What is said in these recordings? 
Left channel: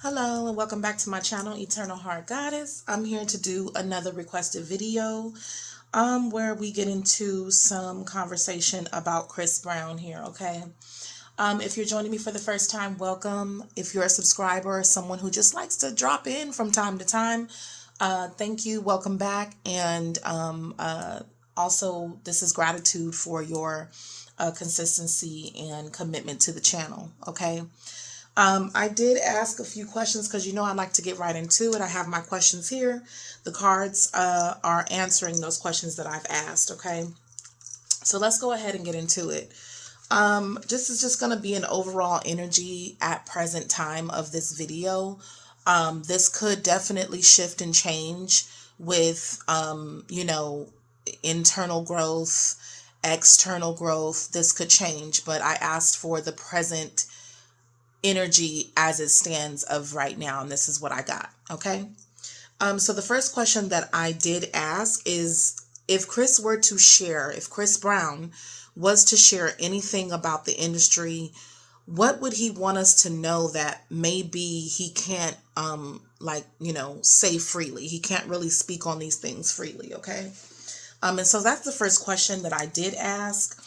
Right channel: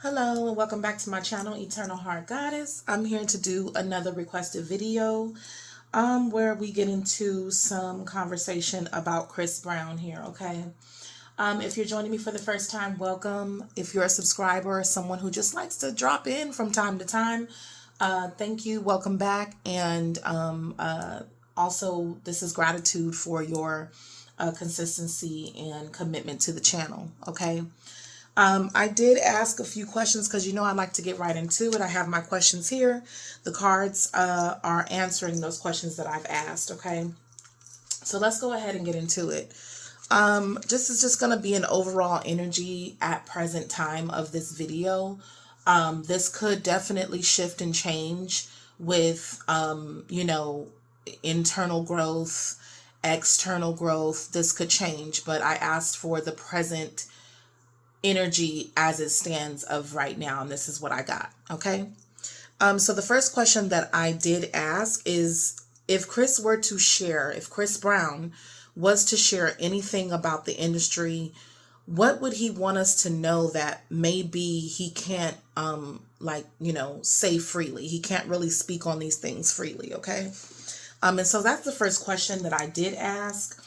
Hello and welcome back to my channel, Eternal Heart Goddess. I'm here to do another requested video where we get into some conversation about Chris Brown here, okay? If you're joining me for the first time, welcome. If you're a subscriber or someone who just likes to drop in from time to time, thank you, welcome back. And also, this is gratitude for your consistency and commitment to the channel, okay? I did ask a few questions because I like to get right into it. I have my questions here. The cards are answering those questions that I've asked, okay? So let's go ahead and get into it. This is just going to be an overall energy at present time of this video. This could definitely shift and change with, internal growth, external growth. This could change, but I asked for the present energy as it stands of right now, and this is what I got, okay? So the first question that I did ask is, if Chris Brown was to share anything about the industry, what would he want us to know that maybe he can't say freely? He can't really speak on these things freely, okay? And so that's the first question that I did ask.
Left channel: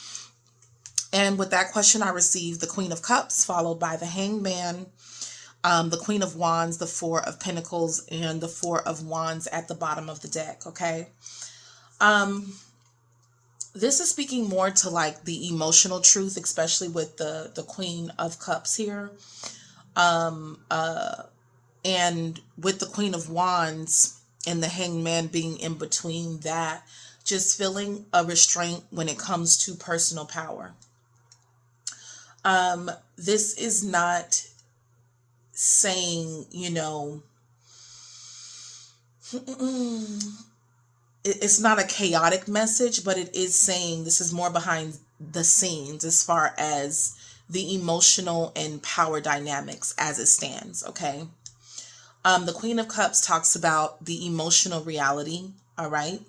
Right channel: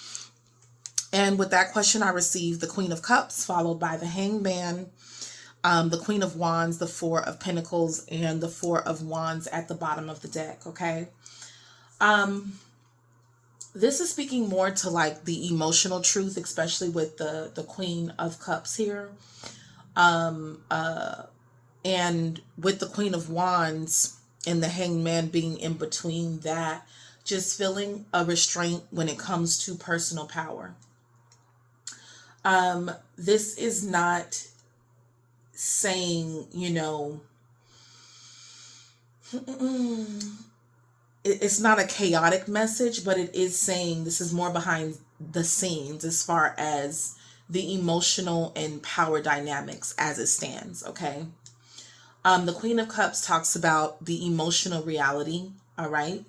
And with that question, I received the Queen of Cups, followed by the Hangman, the Queen of Wands, the Four of Pentacles, and the Four of Wands at the bottom of the deck, okay? This is speaking more to like the emotional truth, especially with the Queen of Cups here. And with the Queen of Wands and the Hangman being in between that, just feeling a restraint when it comes to personal power. This is not saying, it's not a chaotic message, but it is saying this is more behind the scenes as far as the emotional and power dynamics as it stands, okay? The Queen of Cups talks about the emotional reality, all right?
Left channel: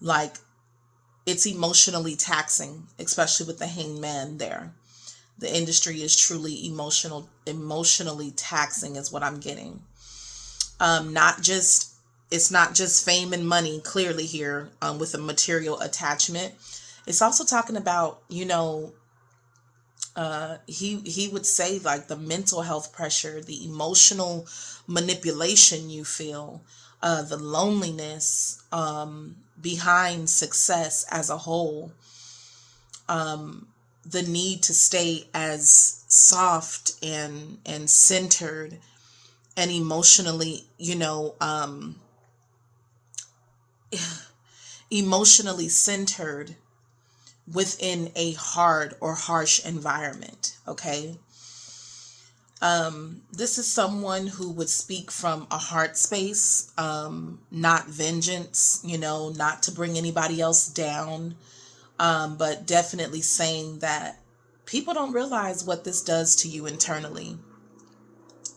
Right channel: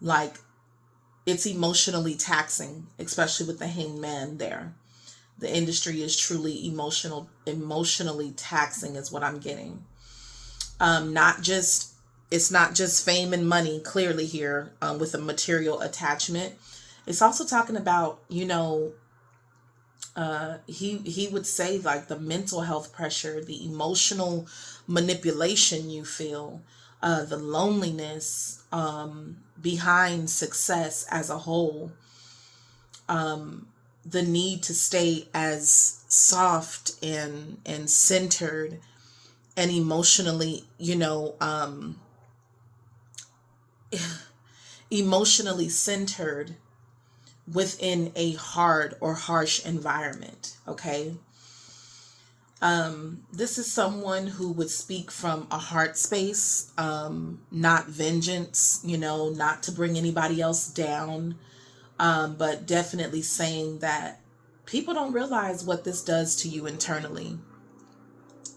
Like, it's emotionally taxing, especially with the Hangman there. The industry is truly emotionally taxing is what I'm getting. It's not just fame and money clearly here, with a material attachment. It's also talking about, he would say like the mental health pressure, the emotional manipulation you feel, the loneliness, behind success as a whole, the need to stay as soft and centered and emotionally, emotionally centered within a hard or harsh environment, okay? This is someone who would speak from a heart space, not vengeance, not to bring anybody else down, but definitely saying that people don't realize what this does to you internally,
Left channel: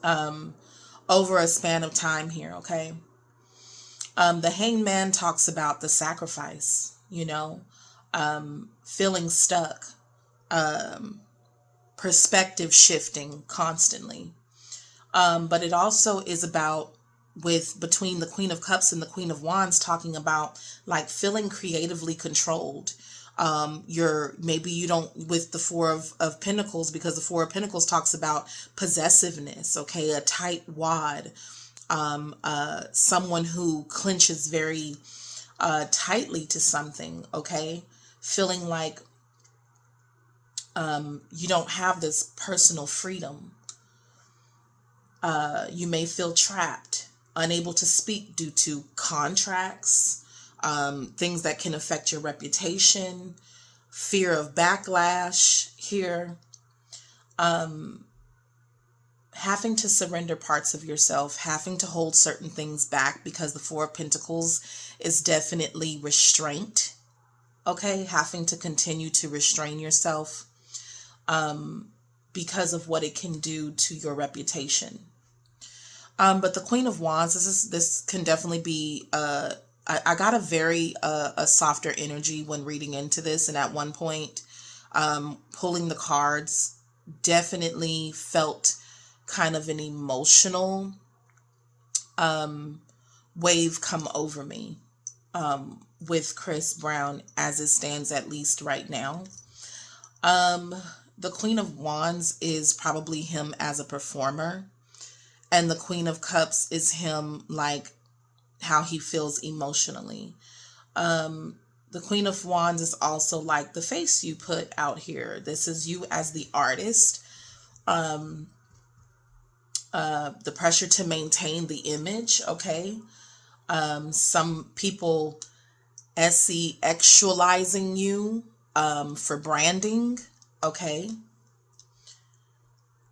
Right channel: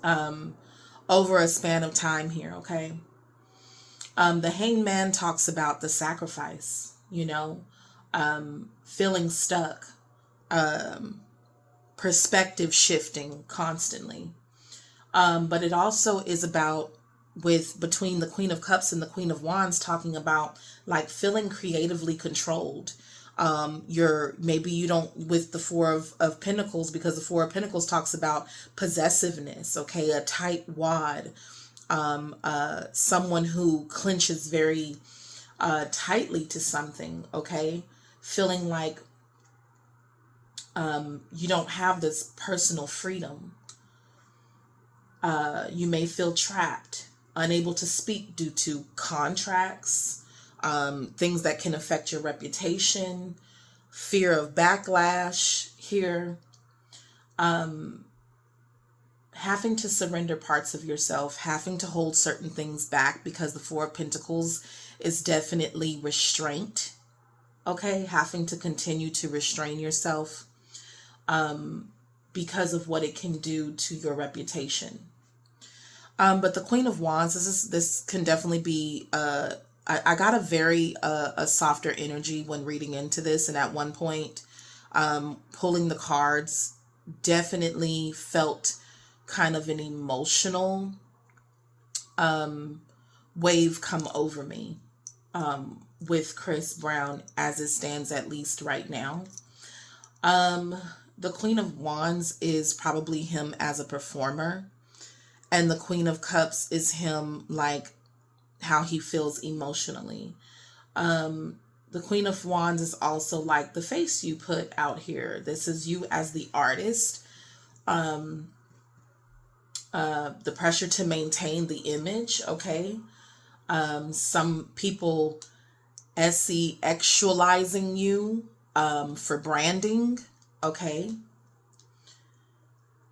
over a span of time here, okay? The Hangman talks about the sacrifice, feeling stuck, perspective shifting constantly. But it also is about, between the Queen of Cups and the Queen of Wands, talking about like feeling creatively controlled. Maybe you don't with the Four of Pentacles, because the Four of Pentacles talks about possessiveness, okay, a tight wad, someone who clinches very tightly to something, okay, feeling like you don't have this personal freedom. You may feel trapped, unable to speak due to contracts, things that can affect your reputation, fear of backlash here, having to surrender parts of yourself, having to hold certain things back, because the Four of Pentacles is definitely restraint, okay? Having to continue to restrain yourself, because of what it can do to your reputation. But the Queen of Wands, this can definitely be, I got a very a softer energy when reading into this, and at one point, pulling the cards, definitely felt kind of an emotional wave come over me with Chris Brown as it stands, at least right now. The Queen of Wands is probably him as a performer, and the Queen of Cups is him, like, how he feels emotionally. The Queen of Wands is also like the face you put out here. This is you as the artist. The pressure to maintain the image, okay? Some people SE-actualizing you for branding, okay?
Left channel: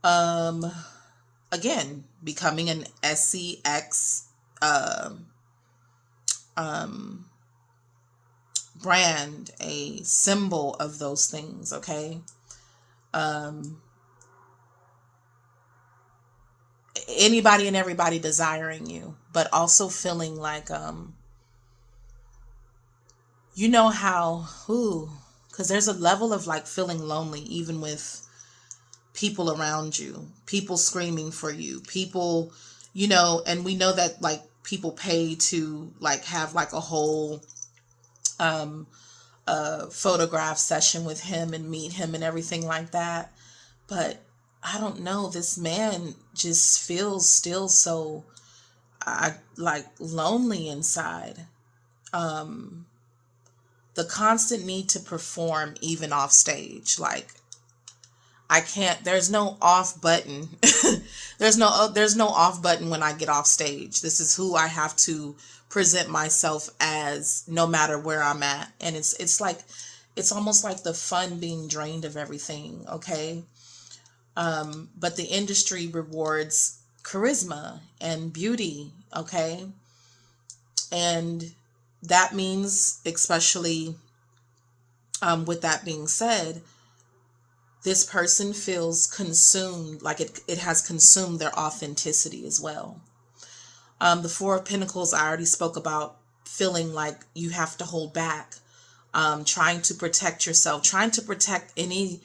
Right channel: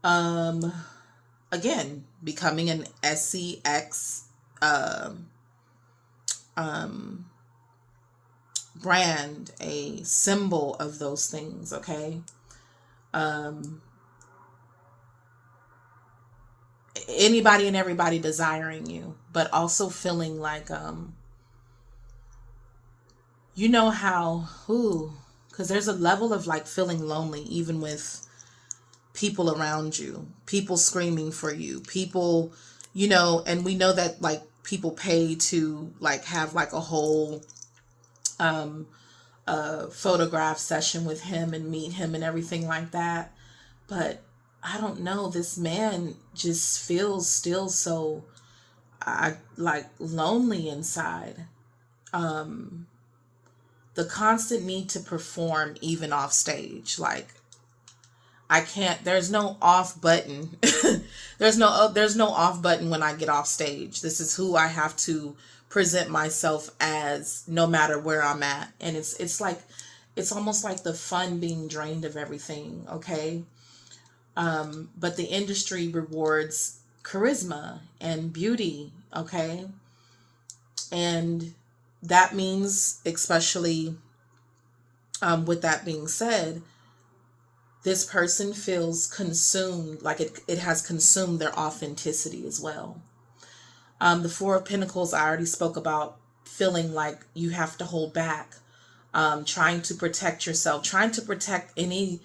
Again, becoming an SEX brand, a symbol of those things, okay? Anybody and everybody desiring you, but also feeling like, you know how, because there's a level of like feeling lonely, even with people around you, people screaming for you, people, and we know that like people pay to like have like a whole photograph session with him and meet him and everything like that. But I don't know, this man just feels still so like lonely inside. The constant need to perform even off stage, like I can't, there's no off button. There's no off button when I get off stage. This is who I have to present myself as no matter where I'm at. And it's like, it's almost like the fun being drained of everything, okay? But the industry rewards charisma and beauty, okay? And that means, especially with that being said, this person feels consumed, like it has consumed their authenticity as well. The Four of Pentacles, I already spoke about feeling like you have to hold back, trying to protect yourself, trying to protect any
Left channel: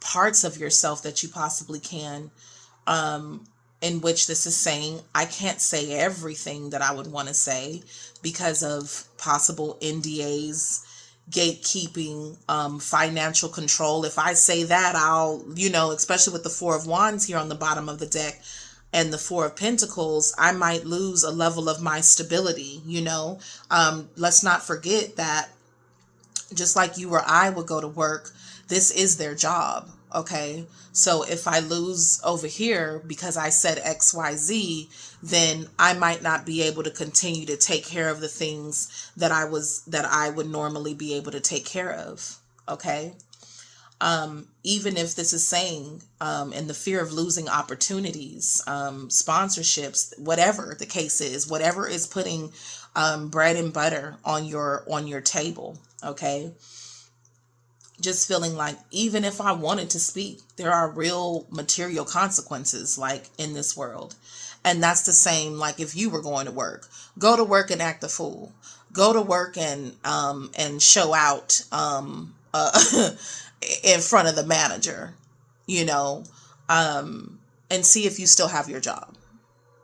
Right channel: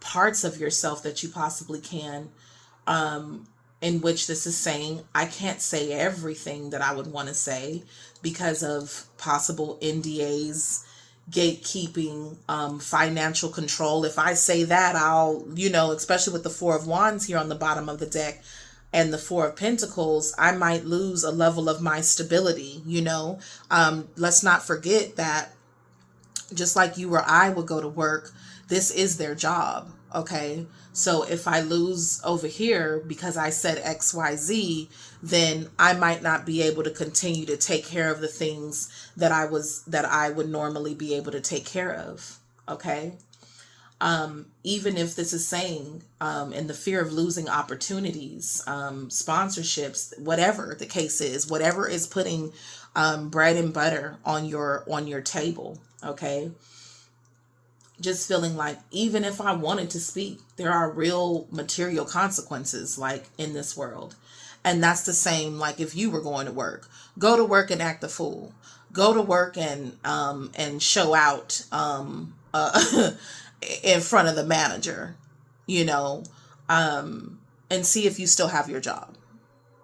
parts of yourself that you possibly can, in which this is saying, I can't say everything that I would want to say because of possible NDAs, gatekeeping, financial control. If I say that, I'll, especially with the Four of Wands here on the bottom of the deck and the Four of Pentacles, I might lose a level of my stability, let's not forget that just like you or I would go to work, this is their job, okay? So if I lose over here because I said XYZ, then I might not be able to continue to take care of the things that I would normally be able to take care of, okay? Even if this is saying, and the fear of losing opportunities, sponsorships, whatever the case is, whatever is putting bread and butter on your table, okay? Just feeling like even if I wanted to speak, there are real material consequences like in this world. And that's the same like if you were going to work. Go to work and act a fool. Go to work and show out in front of the manager, and see if you still have your job.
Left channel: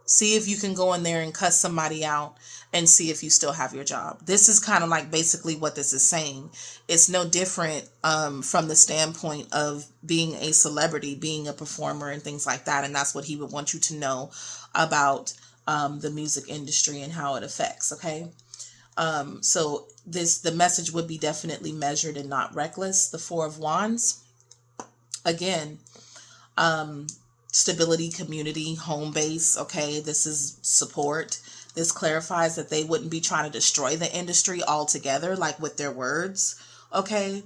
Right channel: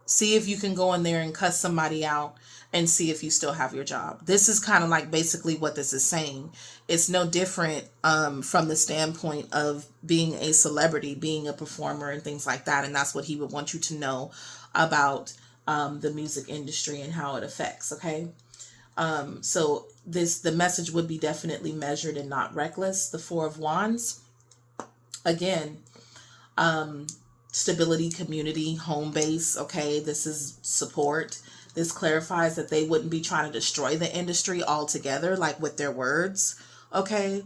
See if you can go in there and cuss somebody out and see if you still have your job. This is kind of like basically what this is saying. It's no different from the standpoint of being a celebrity, being a performer and things like that. And that's what he would want you to know about the music industry and how it affects, okay? So the message would be definitely measured and not reckless. The Four of Wands, again, stability, community, home base, okay? This is support. This clarifies that they wouldn't be trying to destroy the industry altogether, like with their words, okay?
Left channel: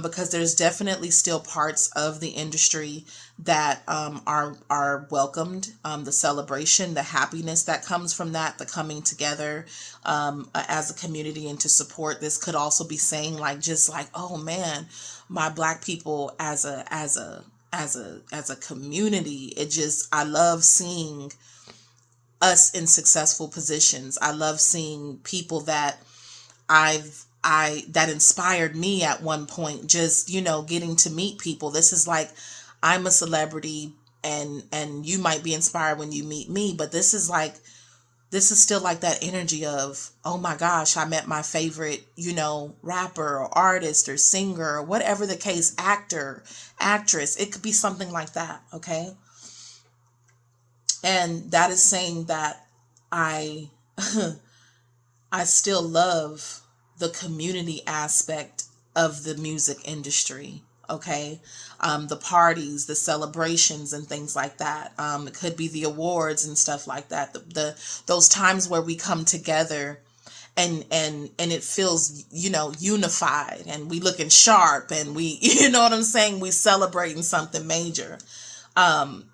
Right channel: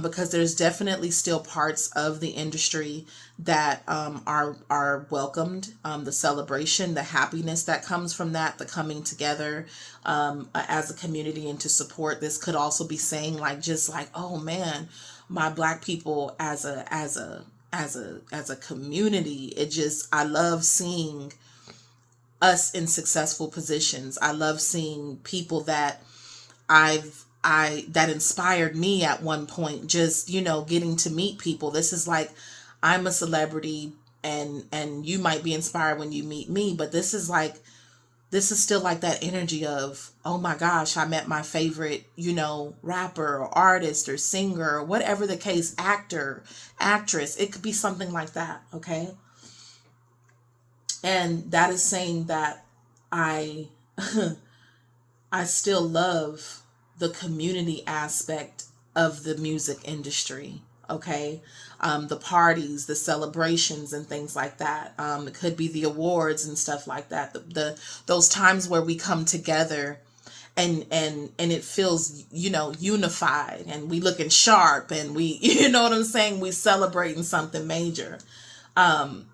Because there's definitely still parts of the industry that are welcomed. The celebration, the happiness that comes from that, the coming together as a community and to support. This could also be saying like, just like, oh man, my Black people as a community, I love seeing us in successful positions. I love seeing people that that inspired me at one point, just, getting to meet people. This is like, I'm a celebrity and you might be inspired when you meet me, but this is still like that energy of, oh my gosh, I met my favorite, rapper or artist or singer or whatever the case, actor, actress. It could be something like that, okay? And that is saying that I I still love the community aspect of the music industry. Okay. The parties, the celebrations and things like that. It could be the awards and stuff like that. Those times where we come together and it feels, unified, and we looking sharp, and we, you know what I'm saying? We celebrating something major.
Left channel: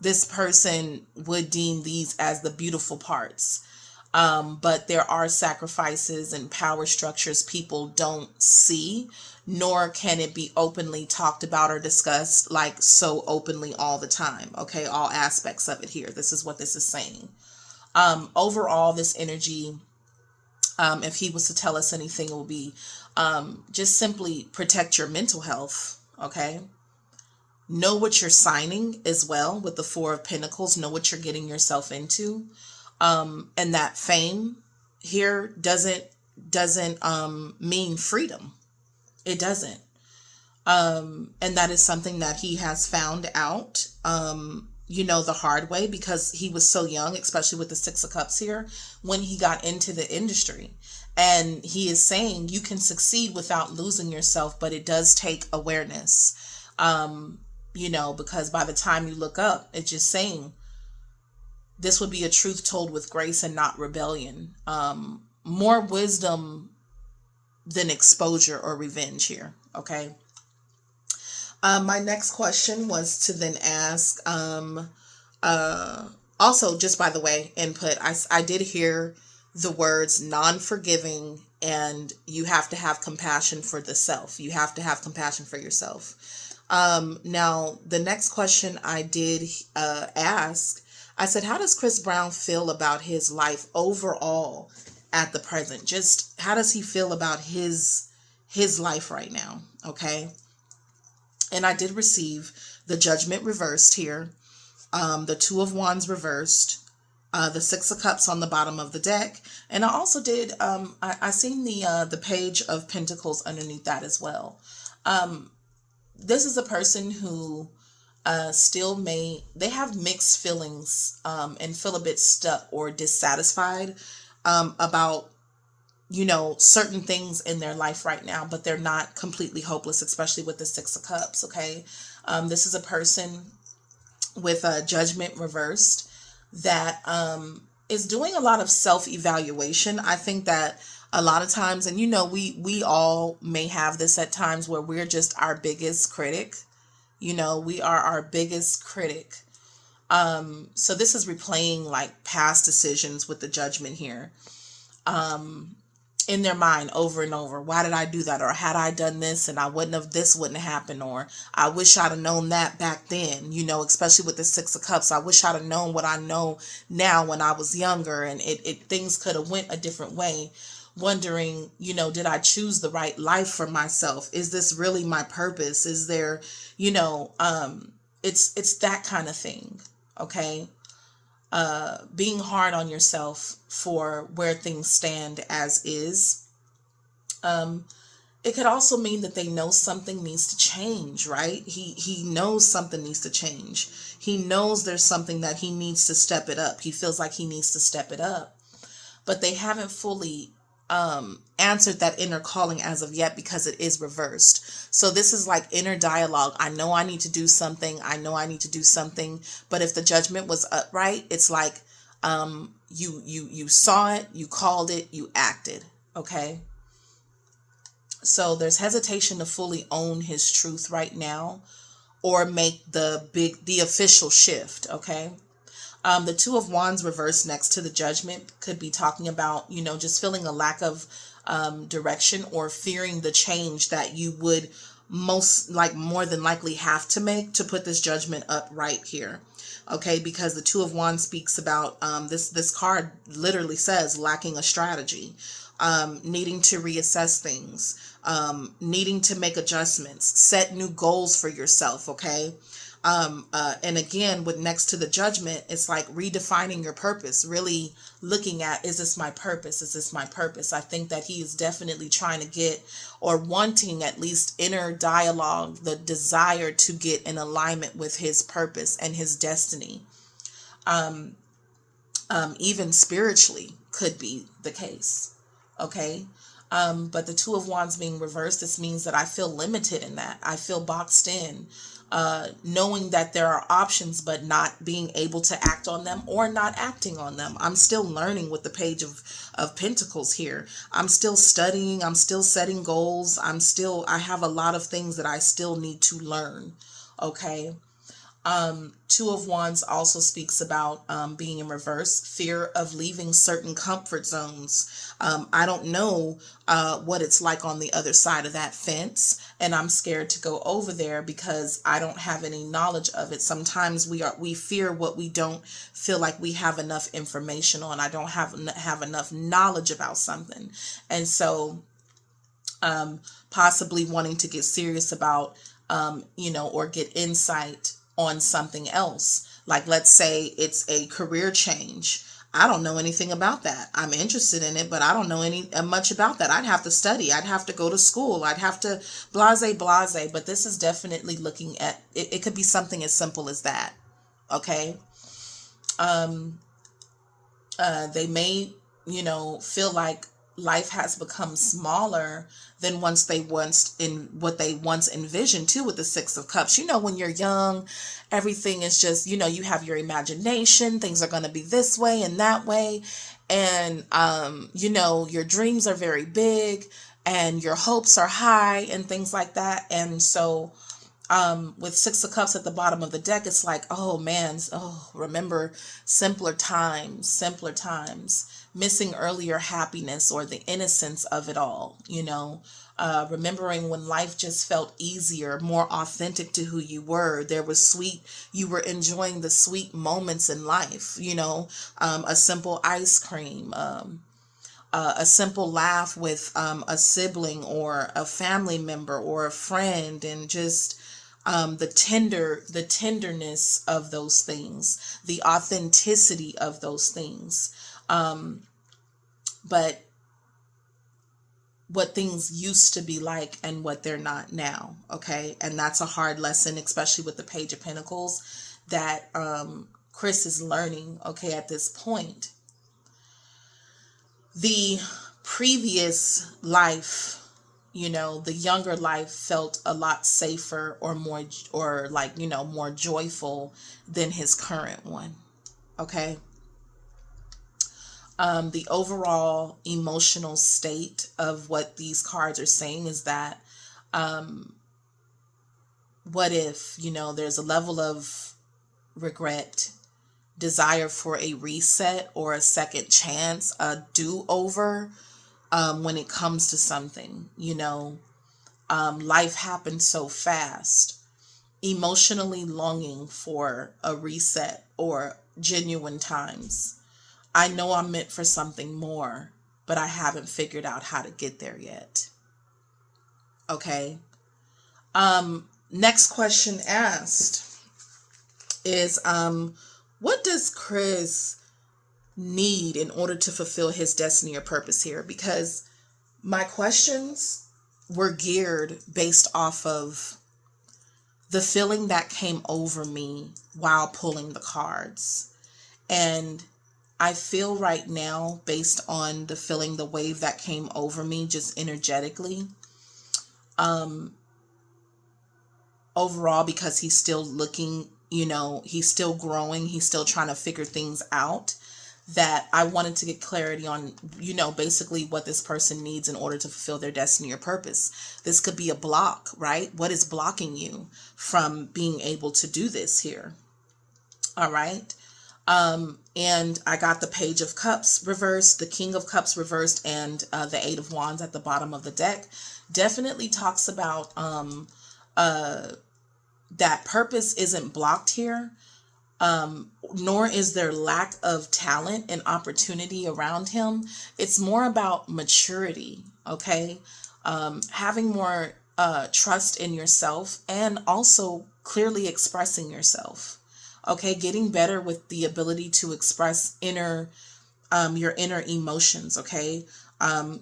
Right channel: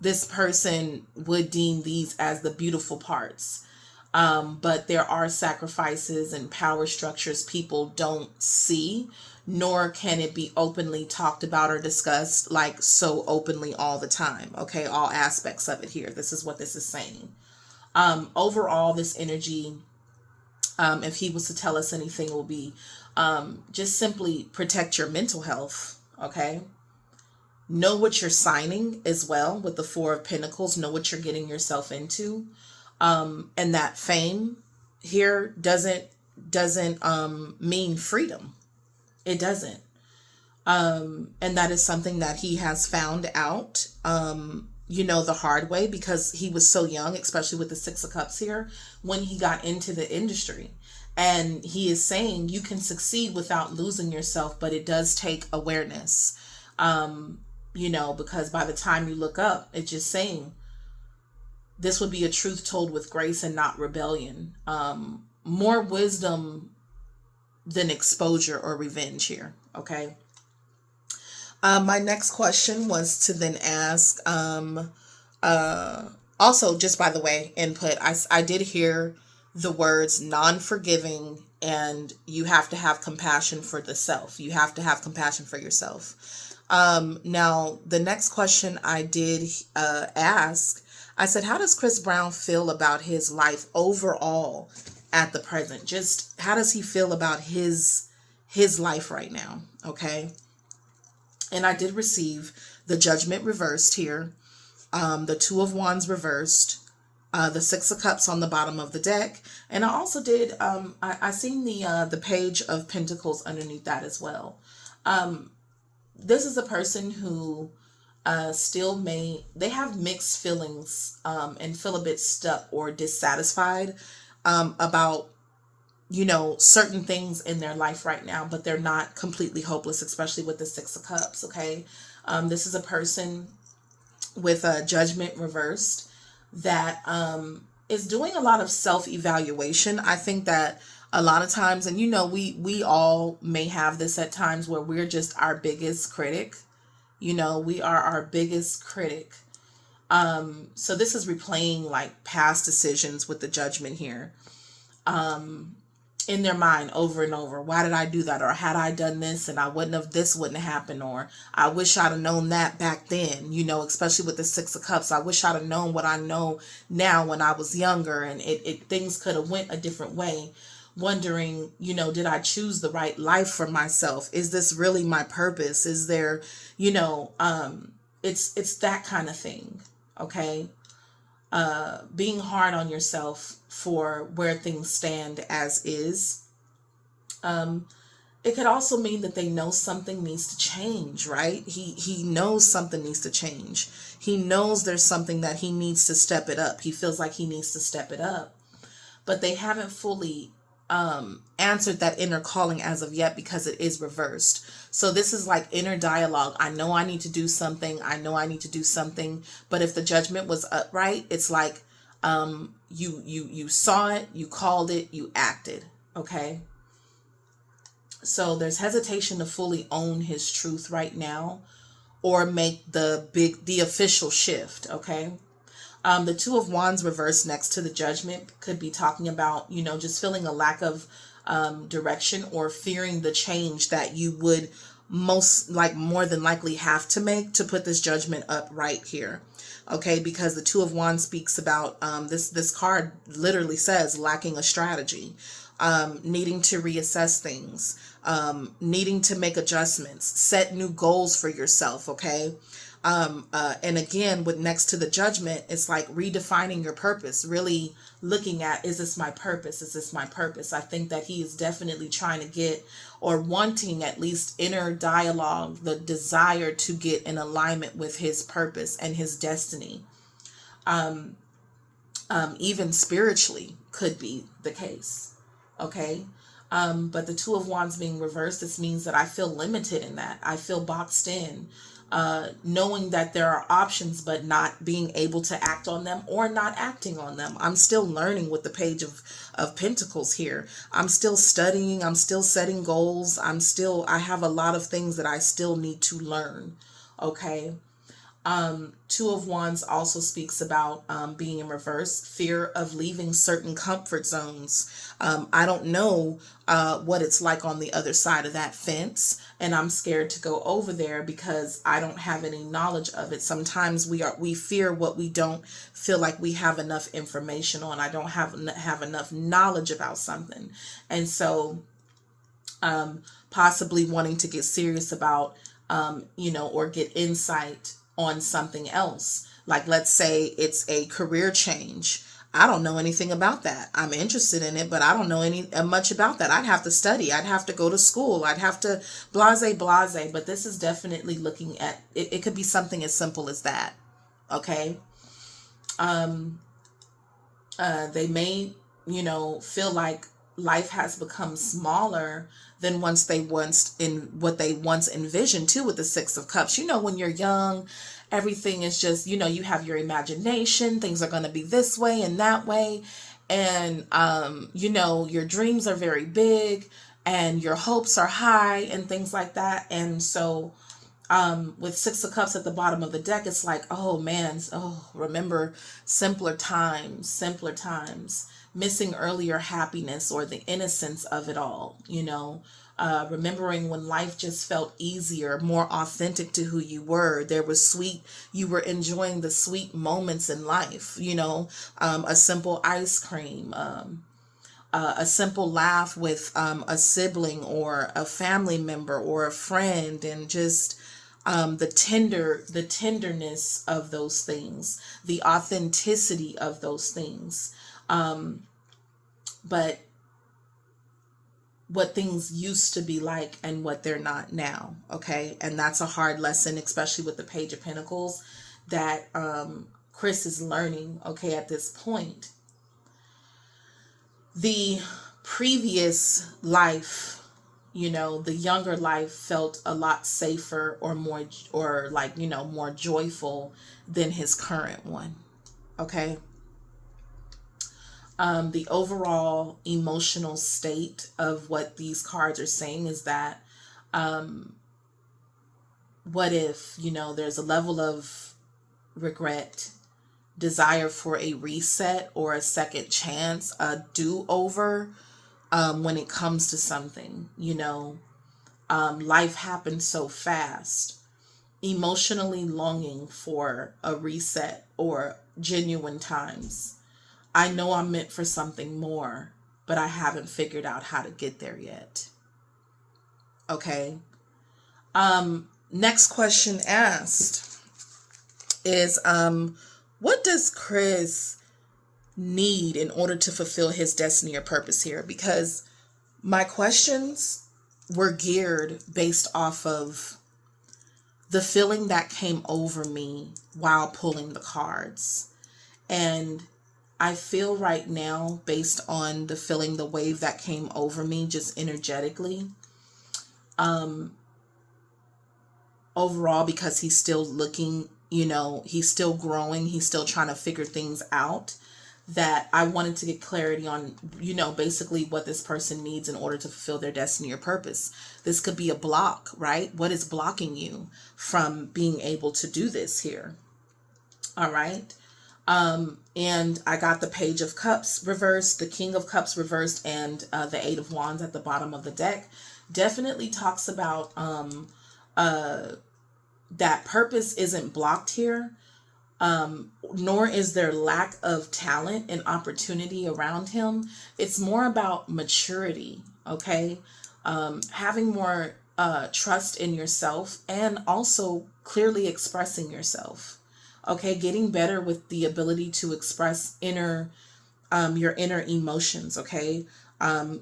This person would deem these as the beautiful parts. But there are sacrifices and power structures people don't see, nor can it be openly talked about or discussed like so openly all the time. Okay, all aspects of it here. This is what this is saying. Overall, this energy, if he was to tell us anything, it will be just simply protect your mental health. Okay. Know what you're signing as well with the Four of Pentacles. Know what you're getting yourself into. And that fame here doesn't mean freedom. It doesn't. And that is something that he has found out, the hard way, because he was so young, especially with the Six of Cups here, when he got into the industry. And he is saying you can succeed without losing yourself, but it does take awareness. Because by the time you look up, it's just saying this would be a truth told with grace and not rebellion. More wisdom than exposure or revenge here. Okay. My next question was to then ask, also, just by the way, input, I did hear the words non-forgiving, and you have to have compassion for the self. You have to have compassion for yourself. Now, the next question I did ask, I said, how does Chris Brown feel about his life overall at the present? Just how does he feel about his life right now? Okay. And I did receive the Judgment reversed here, the Two of Wands reversed, the Six of Cups on the bottom of the deck. And I also did, I seen the Page of Pentacles underneath that as well. This is a person who they have mixed feelings and feel a bit stuck or dissatisfied about, certain things in their life right now, but they're not completely hopeless, especially with the Six of Cups. Okay. This is a person with a Judgment reversed that is doing a lot of self-evaluation. I think that a lot of times, and we all may have this at times, where we're just our biggest critic. We are our biggest critic. So this is replaying like past decisions with the Judgment here. In their mind over and over. Why did I do that? Or had I done this and this wouldn't have happened, or I wish I'd have known that back then, especially with the Six of Cups. I wish I'd have known what I know now when I was younger, and things could have went a different way. Wondering, did I choose the right life for myself? Is this really my purpose? Is there, it's that kind of thing. Okay. Being hard on yourself for where things stand as is. It could also mean that they know something needs to change, right? He knows something needs to change. He knows there's something that he needs to step it up. He feels like he needs to step it up, but they haven't fully answered that inner calling as of yet, because it is reversed. So this is like inner dialogue. I know I need to do something. I know I need to do something. But if the Judgment was upright, it's like you saw it, you called it, you acted. Okay. So there's hesitation to fully own his truth right now, or make the official shift. Okay. The Two of Wands reversed next to the Judgment could be talking about, just feeling a lack of direction, or fearing the change that you would more than likely have to make to put this Judgment up right here. Okay, because the Two of Wands speaks about this card literally says lacking a strategy, needing to reassess things, needing to make adjustments, set new goals for yourself. Okay. And again, with next to the Judgment, it's like redefining your purpose, really looking at, is this my purpose? Is this my purpose? I think that he is definitely trying to get, or wanting at least inner dialogue, the desire to get in alignment with his purpose and his destiny. Even spiritually could be the case. Okay. But the Two of Wands being reversed, this means that I feel limited in that. I feel boxed in, knowing that there are options, but not being able to act on them or not acting on them. I'm still learning with the Page of Pentacles here. I'm still studying. I'm still setting goals. I have a lot of things that I still need to learn. Okay. Two of Wands also speaks about being in reverse, fear of leaving certain comfort zones. I don't know what it's like on the other side of that fence, and I'm scared to go over there because I don't have any knowledge of it. Sometimes we fear what we don't feel like we have enough information on. I don't have enough knowledge about something, and so possibly wanting to get serious about or get insight on something else. Like, let's say it's a career change. I don't know anything about that. I'm interested in it, but I don't know much about that. I'd have to study. I'd have to go to school. I'd have to blase. But this is definitely looking at it. It could be something as simple as that. Okay. They may, feel like life has become smaller than what they once envisioned too, with the Six of Cups. When you're young, everything is just, you have your imagination, things are going to be this way and that way. And, your dreams are very big and your hopes are high and things like that. And so, with Six of Cups at the bottom of the deck, it's like, oh man, remember simpler times, missing earlier happiness or the innocence of it all, remembering when life just felt easier, more authentic to who you were. There was you were enjoying the sweet moments in life, a simple ice cream, a simple laugh with a sibling or a family member or a friend, and just the tenderness of those things, the authenticity of those things. But what things used to be like and what they're not now. Okay. And that's a hard lesson, especially with the Page of Pentacles, that Chris is learning, okay, at this point. The previous life, the younger life felt a lot safer or more, more joyful than his current one. Okay. The overall emotional state of what these cards are saying is that, what if, there's a level of regret, desire for a reset or a second chance, a do-over, when it comes to something, life happens so fast, emotionally longing for a reset or genuine times. I know I'm meant for something more, but I haven't figured out how to get there yet. Okay. Next question asked is, what does Chris need in order to fulfill his destiny or purpose here? Because my questions were geared based off of the feeling that came over me while pulling the cards. And I feel right now, based on the feeling, the wave that came over me just energetically, overall, because he's still looking, he's still growing, he's still trying to figure things out, that I wanted to get clarity on, basically what this person needs in order to fulfill their destiny or purpose. This could be a block, right? What is blocking you from being able to do this here? All right. And I got the Page of Cups reversed, the King of Cups reversed, and the Eight of Wands at the bottom of the deck. Definitely talks about that purpose isn't blocked here, nor is there lack of talent and opportunity around him. It's more about maturity, okay? Having more trust in yourself, and also clearly expressing yourself. Okay, getting better with the ability to express your inner emotions, okay?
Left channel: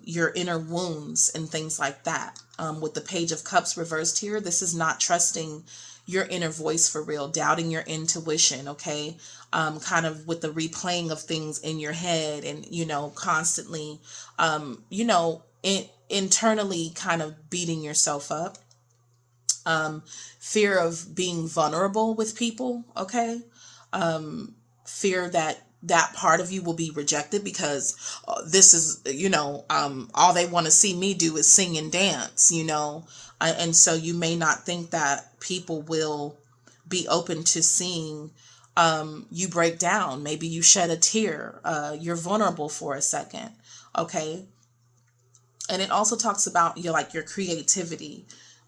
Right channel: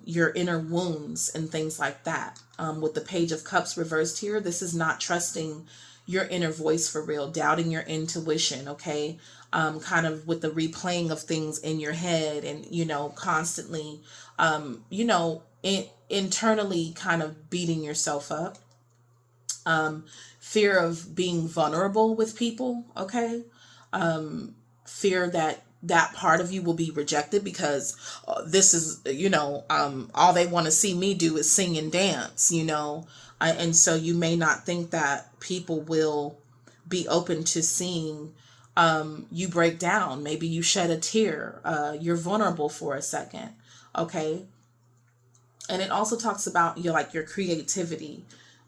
Your inner wounds and things like that. With the Page of Cups reversed here, this is not trusting your inner voice for real, doubting your intuition, okay? Kind of with the replaying of things in your head and, constantly, internally kind of beating yourself up. Fear of being vulnerable with people, okay? Fear that that part of you will be rejected because this is, all they want to see me do is sing and dance, and so you may not think that people will be open to seeing you break down. Maybe you shed a tear. You're vulnerable for a second, okay? And it also talks about your creativity,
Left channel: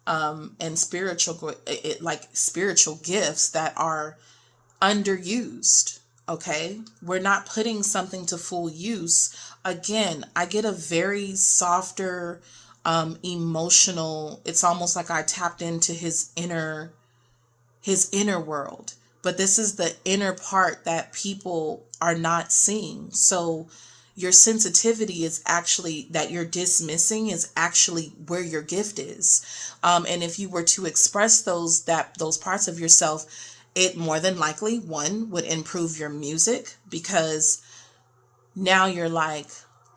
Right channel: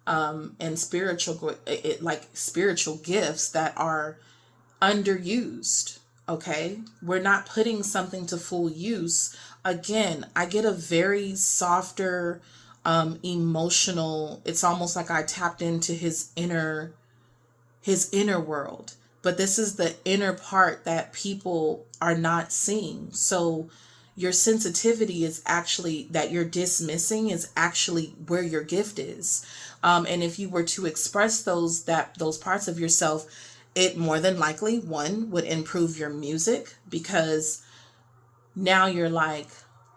and spiritual gifts that are underused. Okay, we're not putting something to full use. Again, I get a very softer, emotional. It's almost like I tapped into his inner world, but this is the inner part that people are not seeing. So your sensitivity is actually, that you're dismissing, is actually where your gift is. And if you were to express those parts of yourself, it more than likely, one, would improve your music, because now you're like,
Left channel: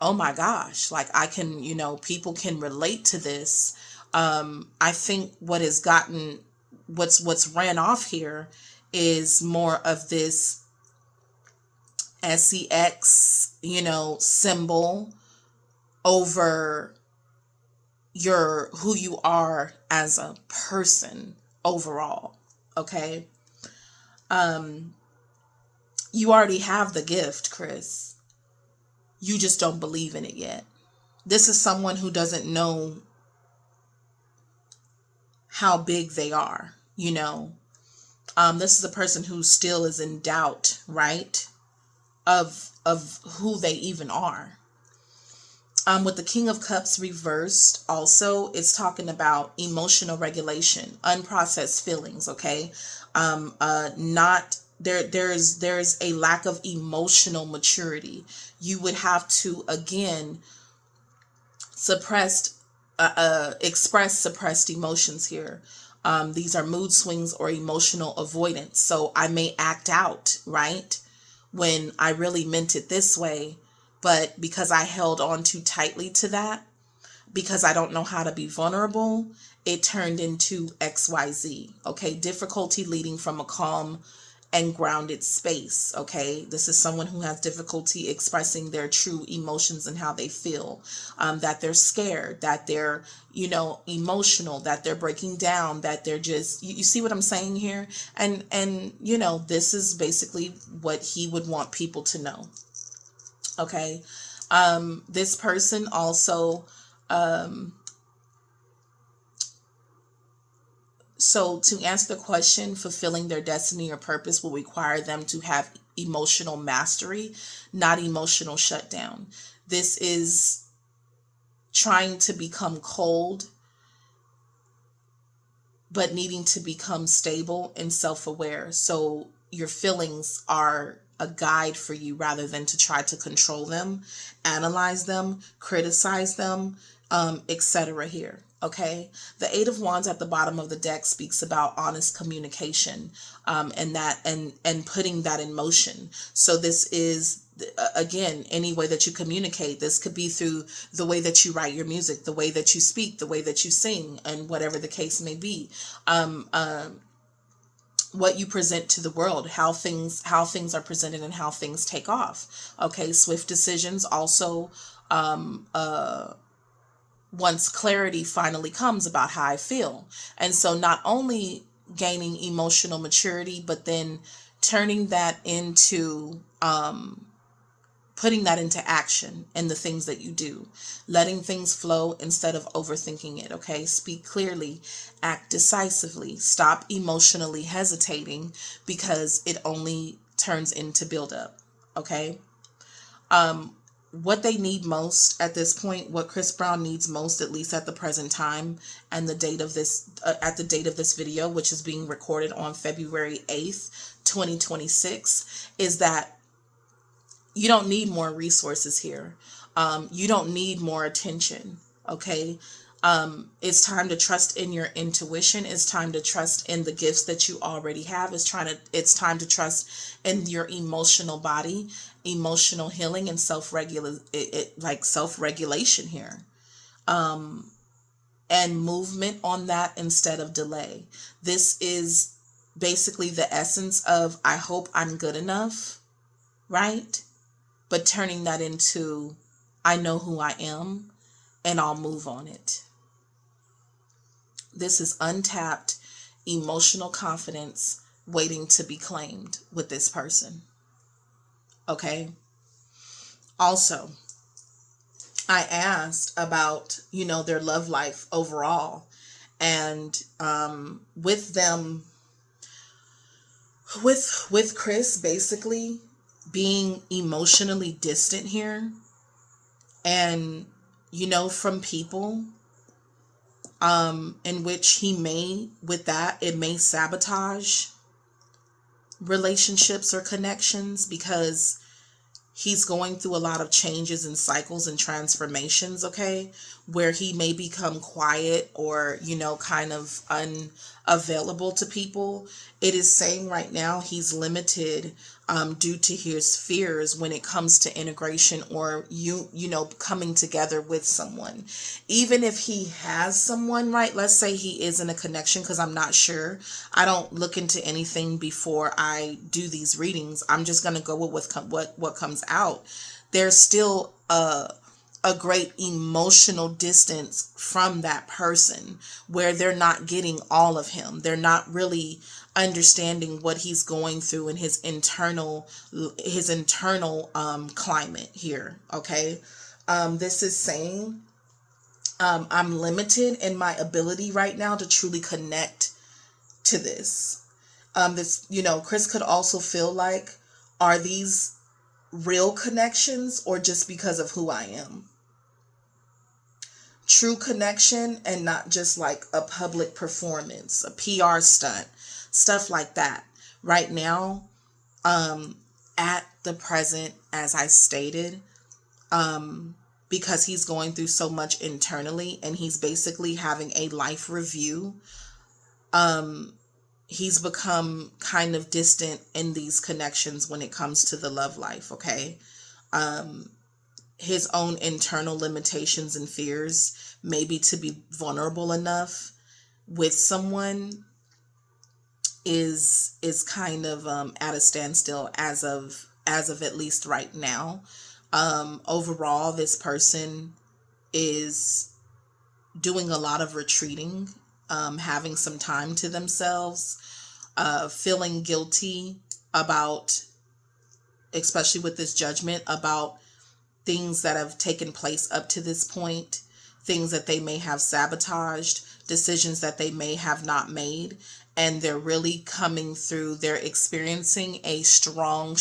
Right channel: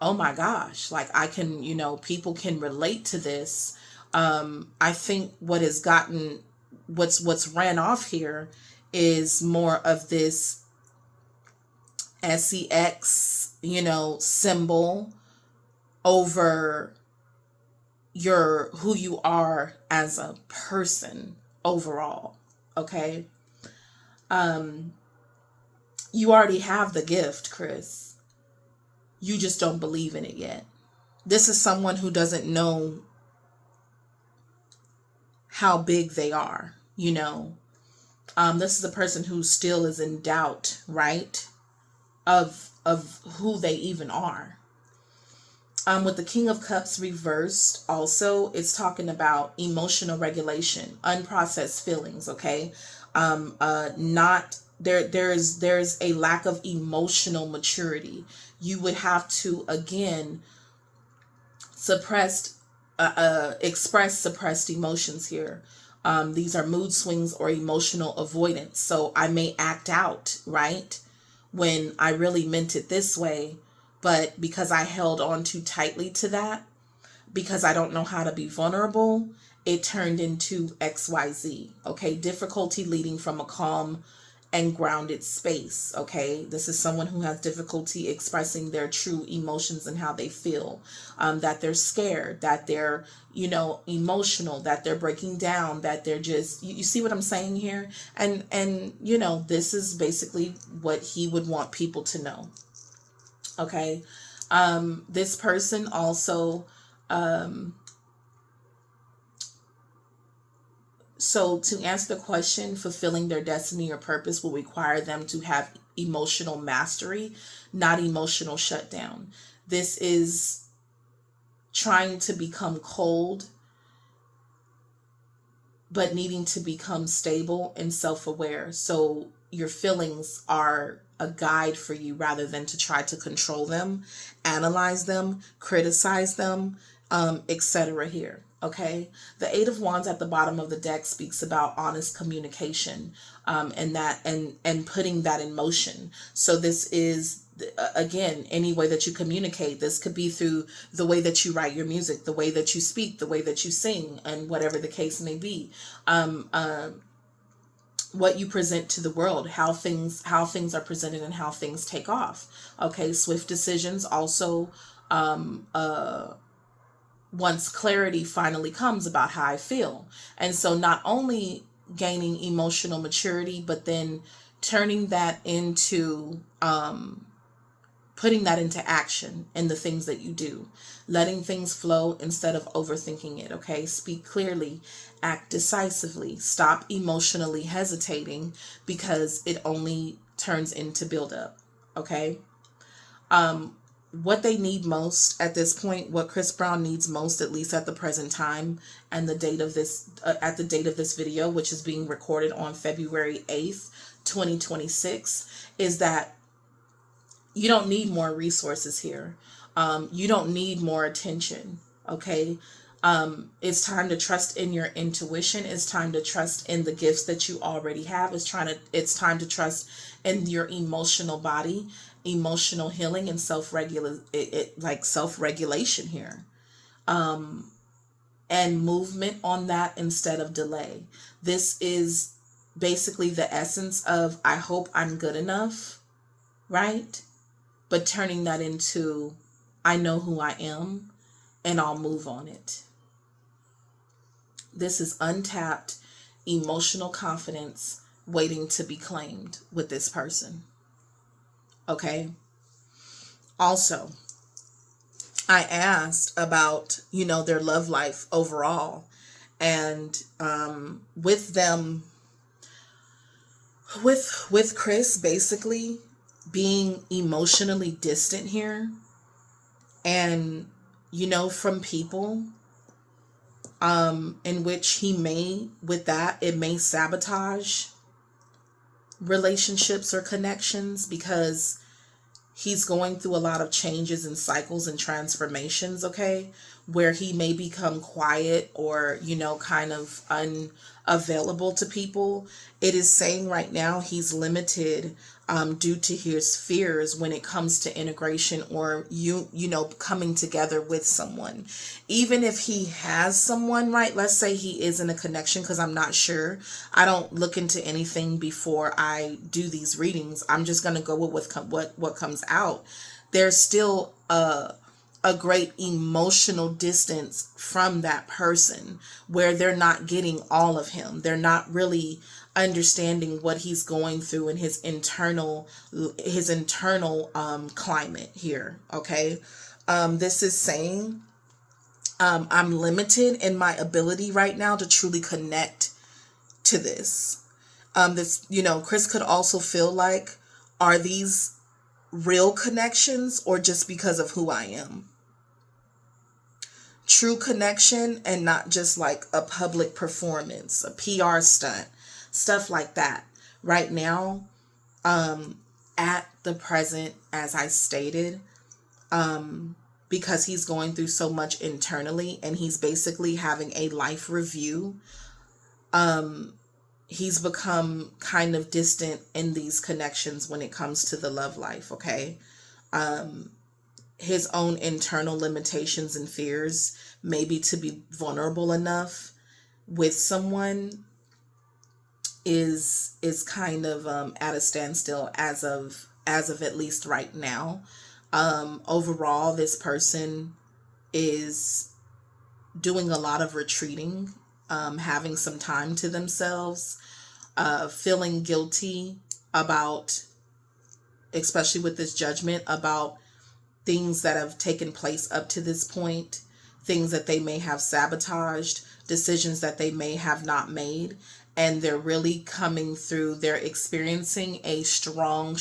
oh my gosh, like I can, people can relate to this. I think what's ran off here is more of this sex, symbol over who you are as a person overall. Okay. You already have the gift, Chris. You just don't believe in it yet. This is someone who doesn't know how big they are, This is a person who still is in doubt, right? Of who they even are. With the King of Cups reversed, also, it's talking about emotional regulation, unprocessed feelings, okay? Not there's a lack of emotional maturity. You would have to, again, express suppressed emotions here. These are mood swings or emotional avoidance. So I may act out, right, when I really meant it this way, but because I held on too tightly to that, because I don't know how to be vulnerable, it turned into XYZ. Okay, difficulty leading from a calm and grounded space. Okay, this is someone who has difficulty expressing their true emotions and how they feel, that they're scared, that they're emotional, that they're breaking down, that they're just, you see what I'm saying here? And this is basically what he would want people to know. Okay, this person also, so to answer the question, fulfilling their destiny or purpose will require them to have emotional mastery, not emotional shutdown. This is trying to become cold, but needing to become stable and self-aware. So your feelings are a guide for you rather than to try to control them, analyze them, criticize them, etc. here. Okay, the Eight of Wands at the bottom of the deck speaks about honest communication, and putting that in motion. So this is, again, any way that you communicate. This could be through the way that you write your music, the way that you speak, the way that you sing, and whatever the case may be. What you present to the world, how things are presented, and how things take off. Okay, swift decisions also. Once clarity finally comes about how I feel. And so not only gaining emotional maturity, but then turning that into, putting that into action in the things that you do, letting things flow instead of overthinking it. Okay. Speak clearly, act decisively, stop emotionally hesitating, because it only turns into buildup. Okay. what they need most at this point, what Chris Brown needs most, at least at the present time, and the date of this, at the date of this video, which is being recorded on February 8th, 2026, is that you don't need more resources here. You don't need more attention. Okay. It's time to trust in your intuition. It's time to trust in the gifts that you already have. It's time to trust in your emotional body, emotional healing, and self-regulation here. And movement on that instead of delay. This is basically the essence of I hope I'm good enough, right? But turning that into I know who I am and I'll move on it. This is untapped emotional confidence waiting to be claimed with this person. Okay. Also, I asked about, their love life overall, and with them, with Chris basically being emotionally distant here, and from people in which it may sabotage relationships or connections, because he's going through a lot of changes and cycles and transformations, okay, where he may become quiet or, kind of unavailable to people. It is saying right now he's limited due to his fears when it comes to integration or, coming together with someone. Even if he has someone, right? Let's say he is in a connection, because I'm not sure. I don't look into anything before I do these readings. I'm just going to go with what comes out. There's still a great emotional distance from that person where they're not getting all of him. They're not really understanding what he's going through in his internal climate here. Okay. This is saying, I'm limited in my ability right now to truly connect to this. Chris could also feel like, are these real connections or just because of who I am? True connection and not just like a public performance, a PR stunt, stuff like that. Right now, at the present, as I stated, because he's going through so much internally and he's basically having a life review, he's become kind of distant in these connections when it comes to the love life, okay? His own internal limitations and fears, maybe to be vulnerable enough with someone, is kind of at a standstill as of at least right now. Overall, this person is doing a lot of retreating, having some time to themselves, feeling guilty about, especially with this judgment, about things that have taken place up to this point, things that they may have sabotaged, decisions that they may have not made, and they're really coming through. They're experiencing a strong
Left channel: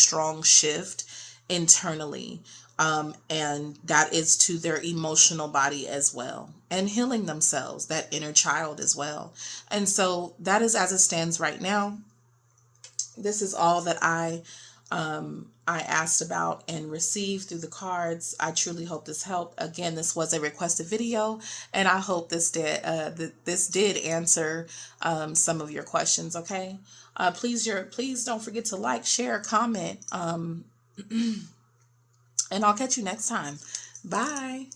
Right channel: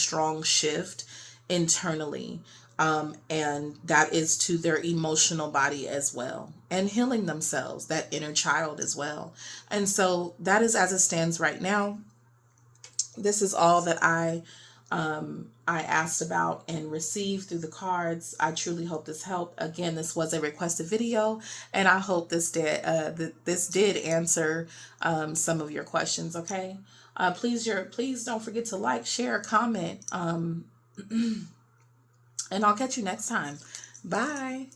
shift internally, and that is to their emotional body as well, and healing themselves, that inner child as well. And so that is as it stands right now. This is all that I asked about and received through the cards. I truly hope this helped. Again, this was a requested video, and I hope this did answer some of your questions. Okay, please don't forget to like, share, comment, and I'll catch you next time. Bye.